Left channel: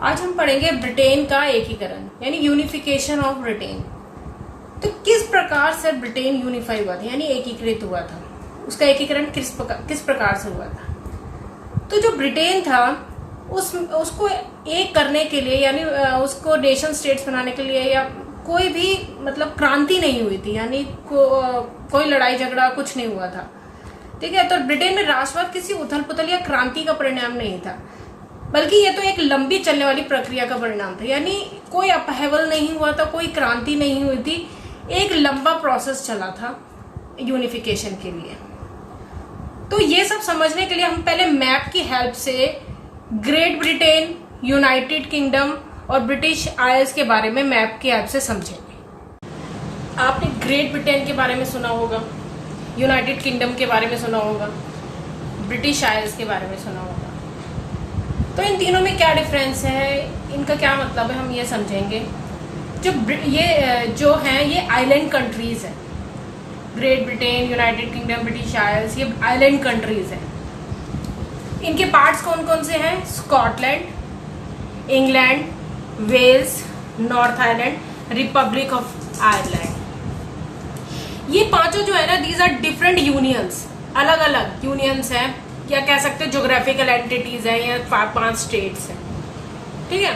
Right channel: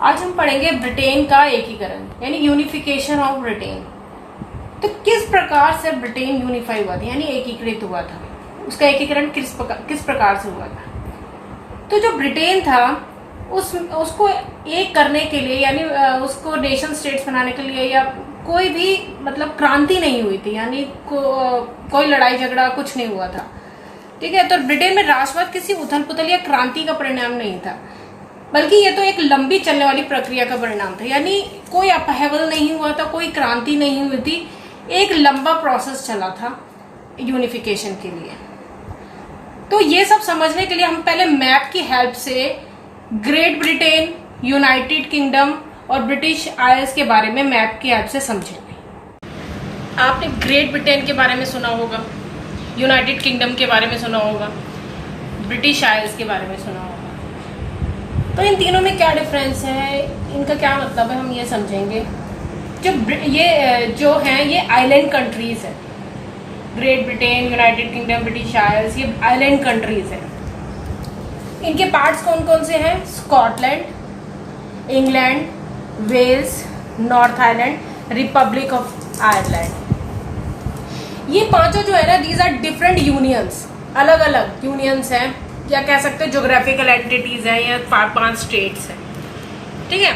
आज हम पढ़ेंगे ब्रिटेन का एकीकरण यानी यूनिफिकेशन ऑफ ब्रिटेन। तो किस प्रकार से ब्रिटेन यूनिफाई हुआ था यानी एकीकृत हुआ था, उसका एकीकरण किस प्रकार से हुआ था। तो जो ब्रिटेन था उसको एक करने के लिए यानी उसको नेशन स्टेट्स बनाने के लिए या कोई भी मतलब क्रांति नहीं हुई थी, यानी कोई लड़ाई झगड़ा कुछ नहीं हुआ था। ठीक है, तो ब्रिटेन में राष्ट्रवाद किसी उथल पुथल या क्रांति का परिणाम नहीं था, बल्कि ये तो एक लंबी चलने वाली प्रक्रिया का परिणाम था। यानी कोई अपहेवल नहीं हुआ था, कोई क्रांति नहीं हुई थी, एक लंबा प्रोसेस चला था यूनिफिकेशन के लिए। तो ये सब समझने के लिए हम पहले मैप की हेल्प से ग्रेट ब्रिटेन, यूनाइटेड किंगडम और ब्रिटिश आइल्स के बारे में मैप की हेल्प से समझेंगे। आपने ग्रेट ब्रिटेन के बारे में सुना होगा, यूनाइटेड किंगडम के बारे में सुना होगा, ब्रिटिश आइल्स के बारे में सुना होगा। तो इन तीनों में क्या डिफरेंस है, इनका क्या मतलब है, हम ये समझेंगे। जो हैं ये आइलैंड कंट्रीज है। Great Britain, United kingdom, British Isles, ये आइलैंड कंट्रीज है। इनके पार्ट्स कौन कौन से हैं? Scotland, England, Wales, North Ireland, Republic of Ireland. ये पांचों जो है ना, दीज आर डिफरेंट यूनियंस, अलग अलग यूनियंस हैं, या कह सकते हैं जोग्राफिकल एंटिटीज है, या 5 स्टेट्स हैं। ठीक है,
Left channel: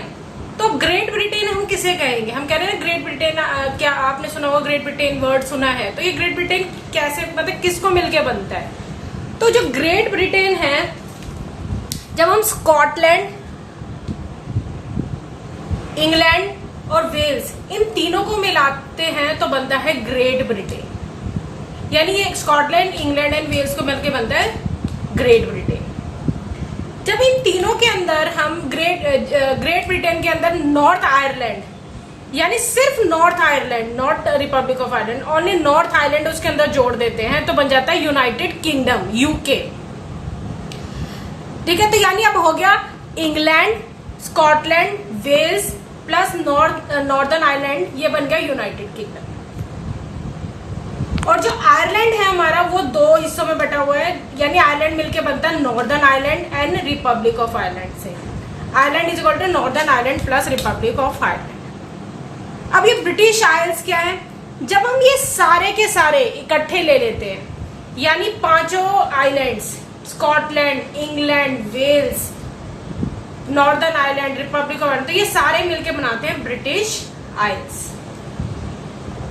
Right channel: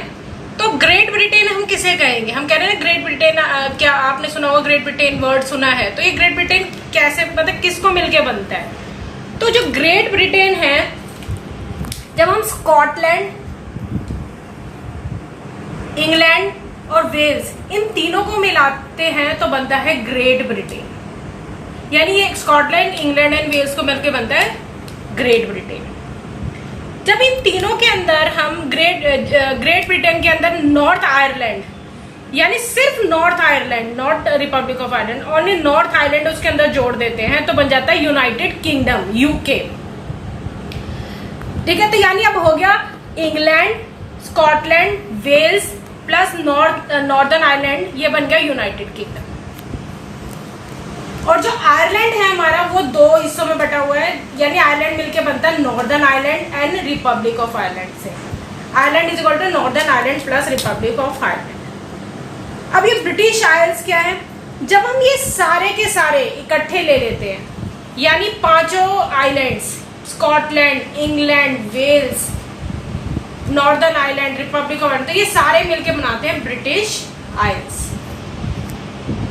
तो ग्रेट ब्रिटेन हम किसे कहेंगे? हम कह रहे हैं ग्रेट ब्रिटेन, क्या आपने सुना होगा ग्रेट ब्रिटेन वर्ड सुना है? तो ये ग्रेट ब्रिटेन कैसे, मतलब किसको मिलके बनता है? तो जो ग्रेट ब्रिटेन है, जब हम स्कॉटलैंड, इंग्लैंड और वेल्स इन तीनों को मिलाते हैं तो बनता है ग्रेट ब्रिटेन। यानी ये स्कॉटलैंड, इंग्लैंड एंड वेल्स को मिलकर बनता है ग्रेट ब्रिटेन। जब इन तीनों के अंदर हम ग्रेट ब्रिटेन के अंदर नॉर्थ आयरलैंड यानी सिर्फ north Ireland, not Republic of Ireland, only north Ireland उसके अंदर जोड़ देते हैं तो बन जाता है यूनाइटेड किंगडम, यूके। ठीक है, तो यानी अब हो गया England, Scotland, Wales plus Northern Ireland, ये बन गया यूनाइटेड किंगडम। और जो आयरलैंड है हमारा, वो 2 हिस्सों में बटा हुआ है, यानी आयरलैंड मिलके बनता है Northern Ireland and Republic of Ireland से। Ireland is equal to Northern Ireland plus Republic of Ireland. अब ये ब्रिटिश आइल्स क्या है? जब हम ये सारे के सारे इकट्ठे ले लेते हैं, यानी 5 islands, Scotland, England, Wales, Northern Ireland, Republic of Ireland, तो ये सारे मिलके बनाते हैं ब्रिटिश आइल्स।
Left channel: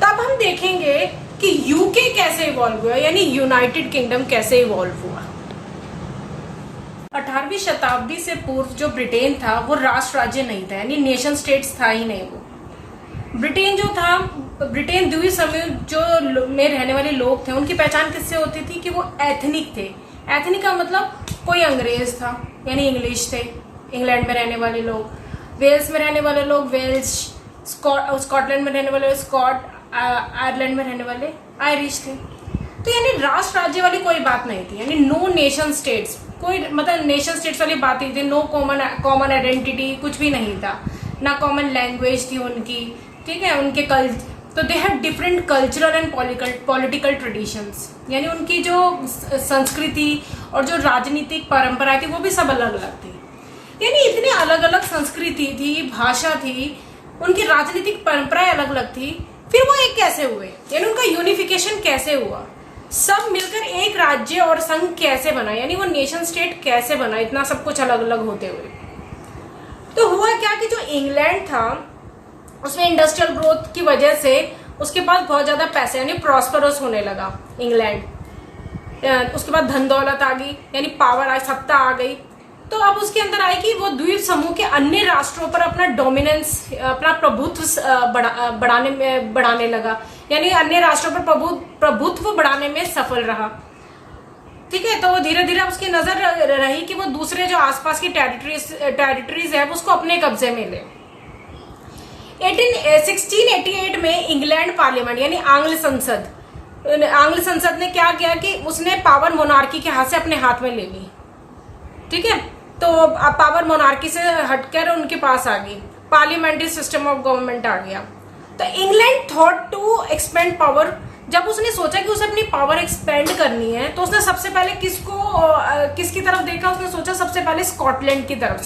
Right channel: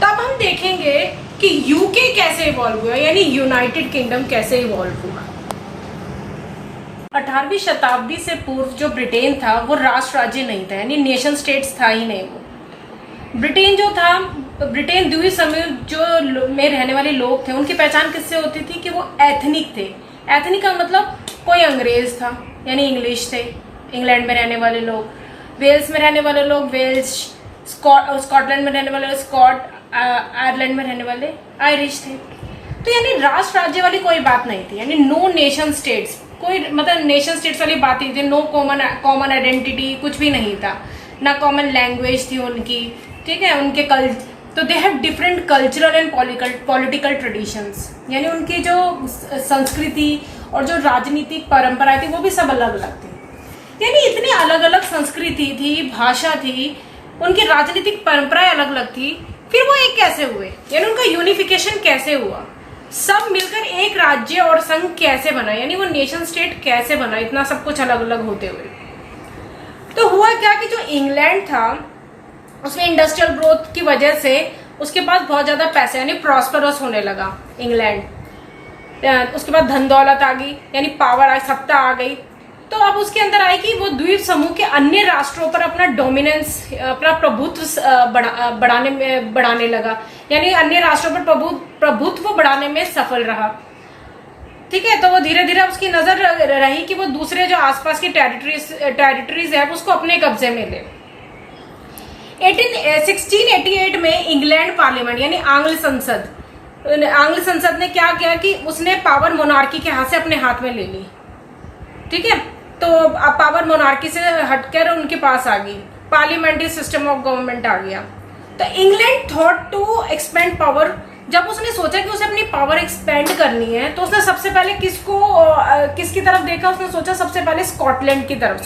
तब हम देखेंगे कि यूके कैसे इवॉल्व हुआ, यानी यूनाइटेड किंगडम कैसे इवॉल्व हुआ। 18वीं शताब्दी से पूर्व जो ब्रिटेन था वो राष्ट्र राज्य नहीं था, यानी नेशन स्टेट्स था ही नहीं। वो ब्रिटेन जो था, ब्रिटेन द्वीप समूह जो में रहने वाले लोग थे, उनकी पहचान किससे होती थी कि वो एथनिक थे। एथनिक का मतलब कोई अंग्रेज था, यानी इंग्लिश थे, इंग्लैंड में रहने वाले लोग, वेल्स में रहने वाले लोग वेल्स, स्कॉटलैंड में रहने वाले स्कॉट, आयरलैंड में रहने वाले आयरिश थे। तो यानी राष्ट्र राज्य वाली कोई बात नहीं थी, यानी नो नेशन स्टेट्स, कोई मतलब नेशन स्टेट्स वाली बात ही थी। नो कॉमन आइडेंटिटी, कुछ भी नहीं था, ना कॉमन लैंग्वेज थी उनकी। ठीक है, उनके तो they have different cultural and political traditions, यानी उनकी जो संस्कृति और जो राजनीतिक परंपरा थी वो भी सब अलग अलग थी। यानी इतनी अलग अलग संस्कृति थी, भाषा थी, उनकी राजनीतिक परंपराएं अलग अलग थी। फिर वो एक कैसे हुए, यानी उनका यूनिफिकेशन कैसे हुआ, सब मिलकर एक राज्य और संघ कैसे बना, यानी वो नेशन स्टेट कैसे बना, इतना सब कुछ अलग अलग होते हुए। तो हुआ क्या कि जो इंग्लैंड था उसमें इंडस्ट्रियल ग्रोथ की वजह से उसके पास बहुत ज्यादा पैसे, यानी प्रॉस्परस होने लगा इंग्लैंड। उसके बाद धन दौलत आ गई, यानी पावर, सत्ता आ गई। तो अब उसके अंदर आई कि वो द्वीप समूह के अन्य राष्ट्रों पर अपना डोमिनेंस, अपना प्रभुत्व बढ़ाने लगा, यानी अन्य राष्ट्रों पर प्रभुत्व बढ़ाने में सफल रहा। ठीक है, तो वो धीरे धीरे उसकी नजर रही कि वो दूसरे जो आसपास की टेरिटरीज है उसको अपने कब्जे में ले। 1688 में इंग्लैंड पार्लियामेंट यानी आंग्ल संसद ने क्या किया कि उसने पावर मोनार्की के हाथ से अपने हाथ में ले ली। ठीक है, तो पावर मोनार्की से हटकर उनके पास आ गई, पार्लियामेंट्री सिस्टम ऑफ गवर्नमेंट आ गया। तो England thought to expand power. जब उसने सोचा कि उसे अपनी पावर एक्सपेंड करनी है तो उसने सबसे पहले किसकी तरफ देखा? उसने सोचा सबसे पहले स्कॉटलैंड की तरफ।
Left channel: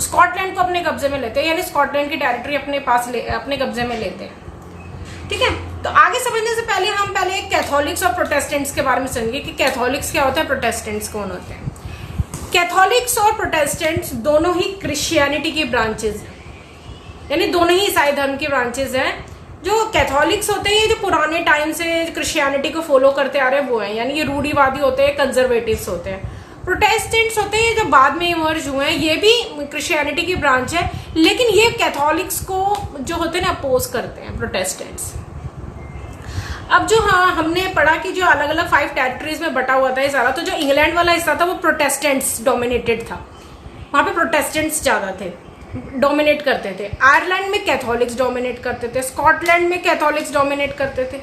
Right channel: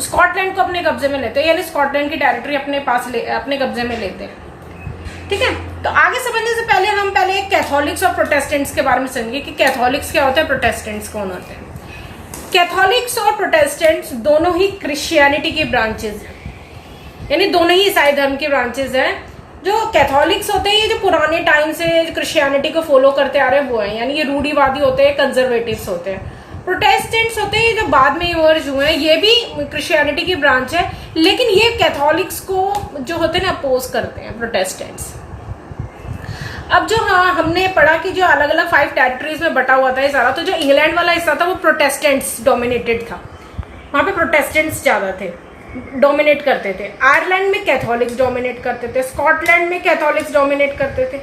स्कॉटलैंड को अपने कब्जे में लेते हैं, यानी स्कॉटलैंड की टेरिटरी अपने कब्जे में लेते हैं। ठीक है, तो आगे समझने से पहले हम पहले कैथोलिक्स और प्रोटेस्टेंट्स के बारे में समझेंगे कि कैथोलिक्स क्या होता है, प्रोटेस्टेंट्स कौन होते हैं। कैथोलिक्स और प्रोटेस्टेंट्स दोनों ही क्रिश्चियनिटी के ब्रांचेस हैं, यानी दोनों ही ईसाई धर्म के ब्रांचेस हैं। जो कैथोलिक्स होते हैं ये जो पुराने टाइम से क्रिश्चियनिटी को फॉलो करते आ रहे हैं वो हैं, यानी ये रूढ़िवादी होते हैं, कंजर्वेटिव्स होते हैं। प्रोटेस्टेंट्स होते हैं जो बाद में इमर्ज हुए हैं, ये भी क्रिश्चियनिटी की ब्रांच है, लेकिन ये कैथोलिक्स को जो होते हैं ना अपोज करते हैं, प्रोटेस्टेंट्स। अब जो हमने पढ़ा कि जो अलग अलग 5 टेरिटरीज में बटा हुआ था ये सारा, तो जो इंग्लैंड वाला हिस्सा था वो प्रोटेस्टेंट्स डोमिनेटेड था, वहां पे प्रोटेस्टेंट्स ज्यादा थे, डोमिनेट करते थे। आयरलैंड में कैथोलिक्स डोमिनेट करते थे, स्कॉटलैंड में कैथोलिक्स डोमिनेट करते थे।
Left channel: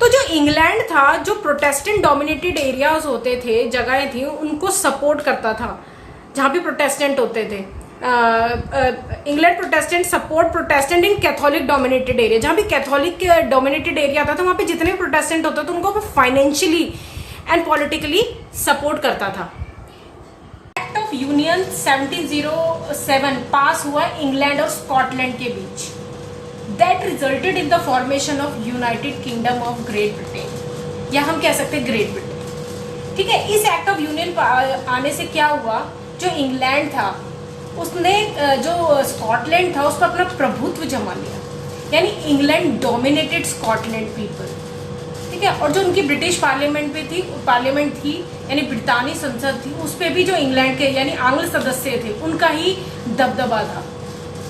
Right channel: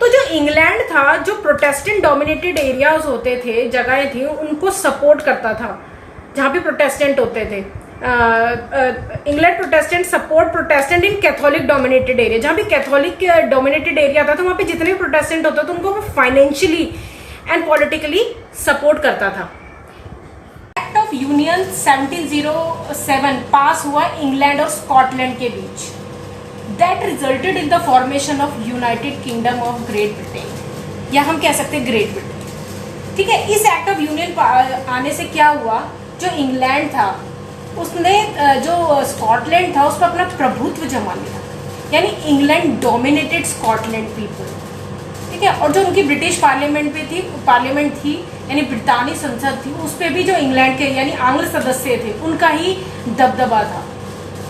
तो जो इंग्लैंड था, जो प्रोटेस्टेंट डोमिनेटेड एरियाज होते थे, जगहें थी, उनको सपोर्ट करता था जहां पे प्रोटेस्टेंट होते थे। इंग्लैंड प्रोटेस्टेंट सपोर्ट प्रोटेस्टेंट इन कैथोलिक डोमिनेटेड एरिया, जहां भी कैथोलिक डोमिनेटेड एरिया था तो वहां पे जितने भी प्रोटेस्टेंट होते थे उनको वो फाइनेंशियली एंड पॉलिटिकली सपोर्ट करता था। एक्ट ऑफ यूनियन 1707 पास हुआ इंग्लैंड और स्कॉटलैंड के बीच, that resulted in the formation of United Kingdom of Great Britain, या हम कह सकते हैं ग्रेट ब्रिटेन। ठीक है, इस एक्ट ऑफ यूनियन आने से क्या हुआ, जो इंग्लैंड था उसने जो स्कॉटलैंड था उस पर अपना प्रभुत्व जमा लिया, यानी इंग्लैंड डोमिनेटेड स्कॉटलैंड पीपल। ठीक है, और जो उनकी ब्रिटिश पार्लियामेंट थी यानी ब्रितानी संसद थी, उस पे भी जो इंग्लैंड के यानी आंग्ल सदस्य थे उनका ही दबदबा था,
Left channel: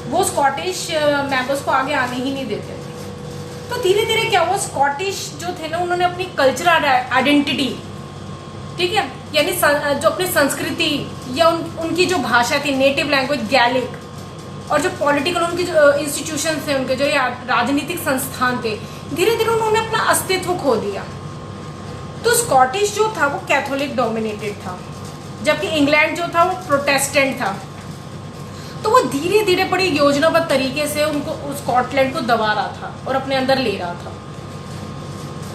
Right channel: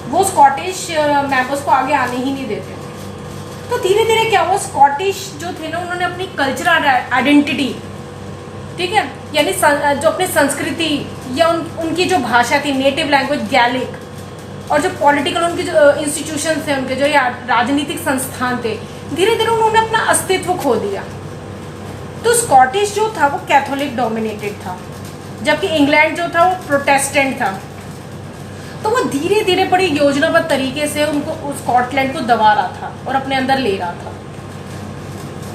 वो स्कॉटिश मेंबर्स को आगे आने ही नहीं देते थे। तो धीरे धीरे क्या हुआ, स्कॉटिश जो थे ना उन्होंने अपनी कल्चरल आइडेंटिटी, ठीक है, यानी जो अपनी संस्कृति या उनकी जो भाषा थी, नेटिव लैंग्वेज गैलिक, और जो पॉलिटिकल उनके जो इंस्टीट्यूशन थे, उनके जो राजनीतिक संस्थान थे, धीरे धीरे उन्होंने अपना अस्तित्व खो दिया। तो स्कॉटिश जो था वो कैथोलिक डोमिनेटेड था, जबकि इंग्लैंड जो था वो प्रोटेस्टेंट था। तो वो धीरे धीरे बड़ी योजनाबद्ध तरीके से उनको स्कॉटलैंड को दबा रहा था और अपने अंदर ले रहा था।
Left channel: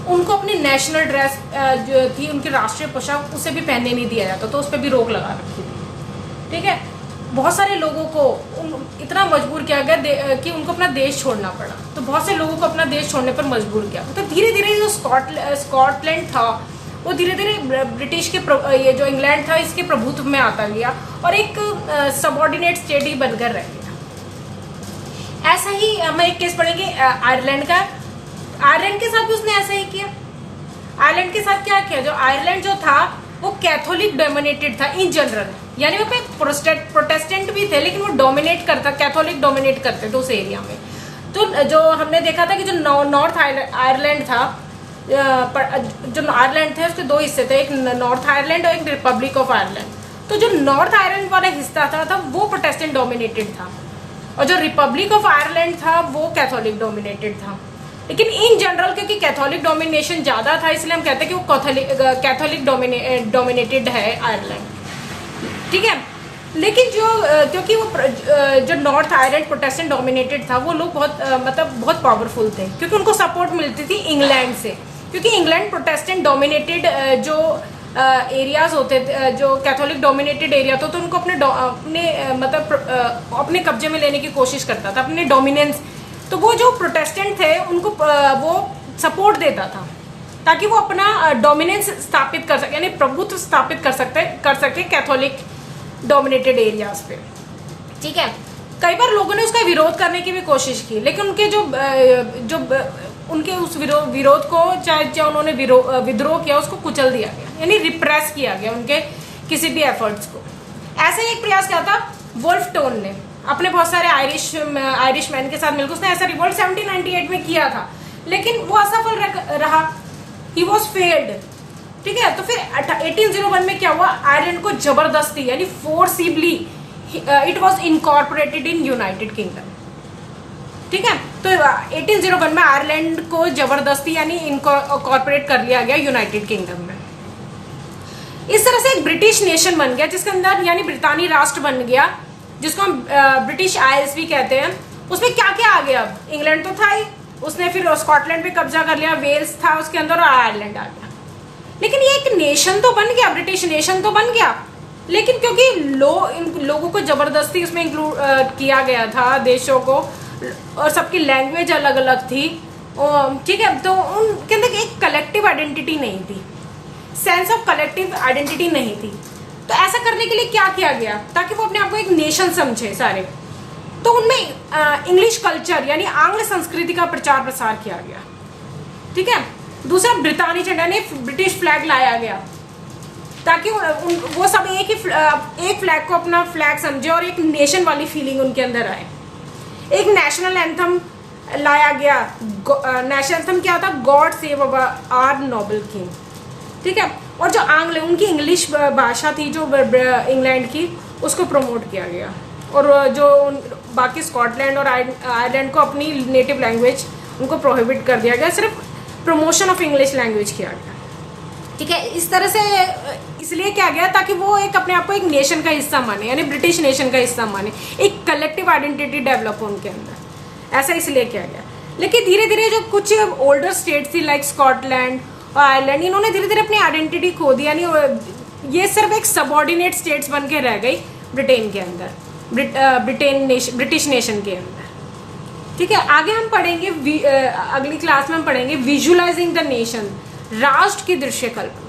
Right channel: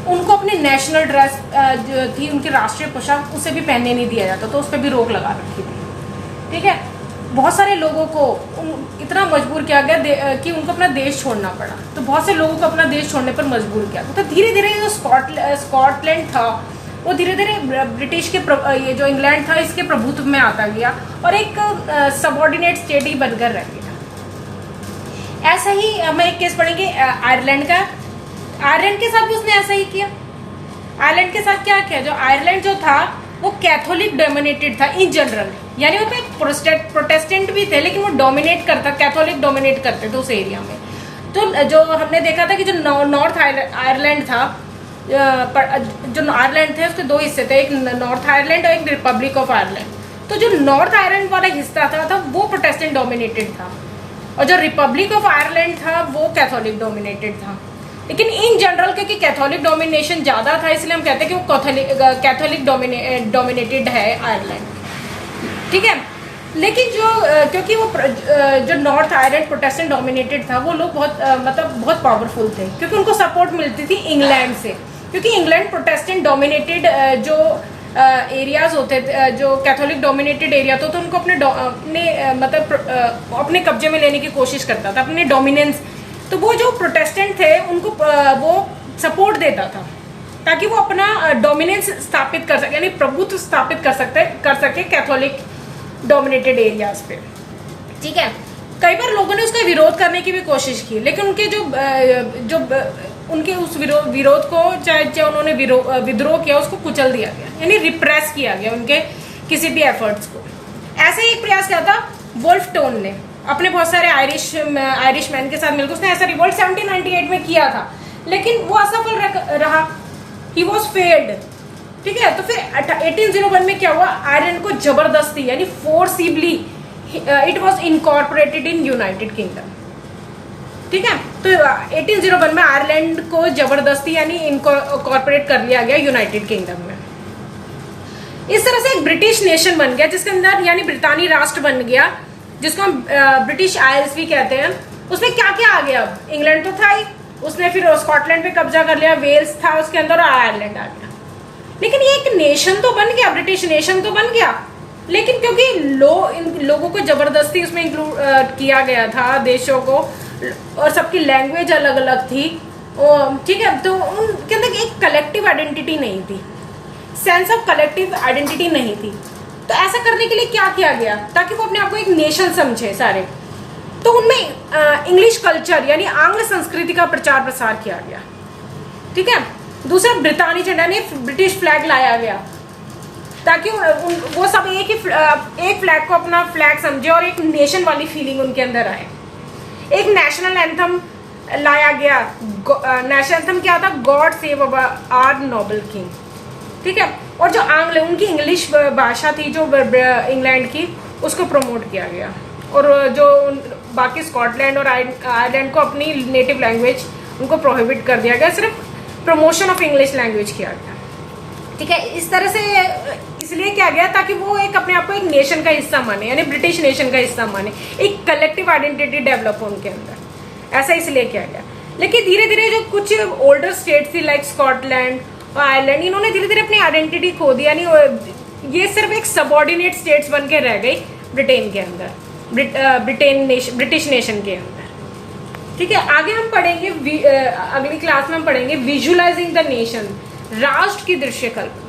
उनको अपनी नेशनल ड्रेस जो थी, उनकी राष्ट्रीय पोशाक, उसे भी पहनने नहीं दिया जाता, तो उस पर भी रोक लगा रखी थी। ठीक है, बहुत सारे लोगों को इतना मजबूर किया गया कि उनको अपना देश छोड़ना पड़ा। तो बहुत से लोगों को अपना देश छोड़ने पर मजबूर किया। तो धीरे धीरे जो स्कॉटलैंड था वो धीरे धीरे ब्रिटिश के ये जो इंग्लैंड था इसके प्रभुत्व में आता गया और एक सबऑर्डिनेट स्टेट ही बनकर रह गया। ऐसा ही हम एक केस पढ़ेंगे आयरलैंड का। आयरलैंड के साथ भी उसने ऐसा ही किया। आयरलैंड के साथ क्या किया, जो आयरलैंड जो था वो कैथोलिक डोमिनेटेड था इन जनरल, यानी उसमें प्रोटेस्टेंट भी थे लेकिन वो डोमिनेट करता, कैथोलिक डोमिनेट करते थे उस एरिया में। तो जो हमने देखा था कि जो नॉर्थ आयरलैंड था, जो आयरलैंड थे उसके 2 हिस्से थे, एक नॉर्थ आयरलैंड और एक रिपब्लिक ऑफ आयरलैंड। तो जो नॉर्थ आयरलैंड वाला हिस्सा था वो प्रोटेस्टेंट डोमिनेटेड था और जो रिपब्लिक ऑफ आयरलैंड था वो कैथोलिक डोमिनेटेड था। लेकिन इन जनरल क्योंकि कैथोलिक डोमिनेशन ज्यादा था इसलिए हम कहते हैं कि वो कैथोलिक डोमिनेटेड है आयरलैंड। ठीक है, लेकिन जो क्योंकि वो जो नॉर्थ आयरलैंड प्रोटेस्टेंट डोमिनेटेड था वो लोग बहुत पावरफुल थे क्योंकि उनको सपोर्ट मिलती थी इंग्लैंड से, क्योंकि इंग्लैंड प्रोटेस्टेंट डोमिनेटेड जो एरियाज होते थे, जो कैथोलिक डोमिनेटेड एरिया था, तो उनको अपने कब्जे में लेने की कोशिश करता था, अपने डोमिनेंस। तो वो जो प्रोटेस्टेंट थे उनको वो सपोर्ट देता था ताकि वो अपना डोमिनेंस स्थापित कर सके, यानी प्रभुत्व स्थापित कर सके कैथोलिक डोमिनेटेड एरियाज पे। ठीक है, कई बार लोगों ने उसका विरोध करने की भी कोशिश की लेकिन उनके उनके उस विरोध को चाहे उन्होंने विद्रोह किया उसको कुचल दिया गया, यानी रिप्रेस किया गया उनके किसी भी एफर्ट्स को। ऐसे ही एक प्रयास किया था वुल्फ टोन ने अपने बहुत सारे आयरिश मैन के साथ मिलकर, उसने ऐसा रिवोल्ट 1798 में किया था लेकिन वो असफल रहा, ही वॉज फेल्ड। ठीक है, तो फिर 1801 में क्या हुआ, आयरलैंड को जबरदस्ती यानी forcibly it was incorporated in United kingdom. ठीक है, तो 1801 में आयरलैंड को जबरदस्ती यानी इनकॉर्पोरेट कर लिया गया यूनाइटेड किंगडम में। इस तरह से एक ब्रिटिश नेशन बन गया जिसके अंदर यानी ब्रितानी राष्ट्र बन गया, जिसको हम ब्रिटिश आइल्स भी कहते हैं। उसमें क्या क्या आ गया, इंग्लैंड तो था ही, उसने फिर स्कॉटलैंड पे कब्जा कर लिया, वेल्स था उसके अंदर और आयरलैंड आ गया। लेकिन ये एक नेशन तो बन गया, ब्रिटिश नेशन तो बन गया, लेकिन क्योंकि इन लोगों को जबरदस्ती उसमें इंक्लूड किया गया था देशों को, और सबकी लैंग्वेज अलग अलग थी, ठीक है, तो उनके अंदर एक कलेक्टिव आइडेंटिटी नहीं थी, सेंस ऑफ कलेक्टिव आइडेंटिटी नहीं थी। तो ऐसा करने के लिए क्या किया गया, ताकि वो अपने आप को एक नेशन समझे सारे, तो उनमें इंग्लिश कल्चर यानी आंग्ल संस्कृति का प्रचार प्रसार किया गया, ठीक है। दूसरा, ब्रिटानिक झंडा यानी ब्रिटिश फ्लैग लाया गया, ताकि वो सब एक फ्लैग को अपना फ्लैग समझे और एक नेशन वाली फीलिंग उनके अंदर आए। एक नेशनल एंथम लाया गया। नेशनल एंथम क्या था, God save our noble king, ठीक है। और जो आंग्ल उनकी इंग्लिश भाषा थी जो इंग्लैंड की, उसको प्रमोट किया गया, और जो बाकी स्कॉटलैंड और आयरलैंड को अपनी नेटिव लैंग्वेज उनको प्रोहिबिट कर दिया गया, सिर्फ प्रमोशन ऑफ इंग्लिश लैंग्वेज किया गया, ठीक है। इस तरह से इसलिए किया गया ताकि वो एक अपने आप को एक नेशन का हिस्सा माने, यानी ब्रिटिश नेशन का हिस्सा माने, एक कलेक्टिव आइडेंटिटी डेवलप हो उनके अंदर, ऐसा इसलिए किया गया। लेकिन धीरे धीरे जो कुछ ओल्डर स्टेट्स थी लाइक स्कॉटलैंड और आयरलैंड, इन्होंने धीरे धीरे अपनी आइडेंटिटी खो दी, यानी ये सिर्फ एक सबऑर्डिनेट स्टेट्स बन के रह गई ब्रिटेन के अंदर, ब्रिटिश नेशन के अंदर, ठीक है। आगे हम पढ़ेंगे, अगली क्लास में हम पढ़ेंगे विजुअलाइजिंग द नेशन, राष्ट्र की दृश्य कल्पना।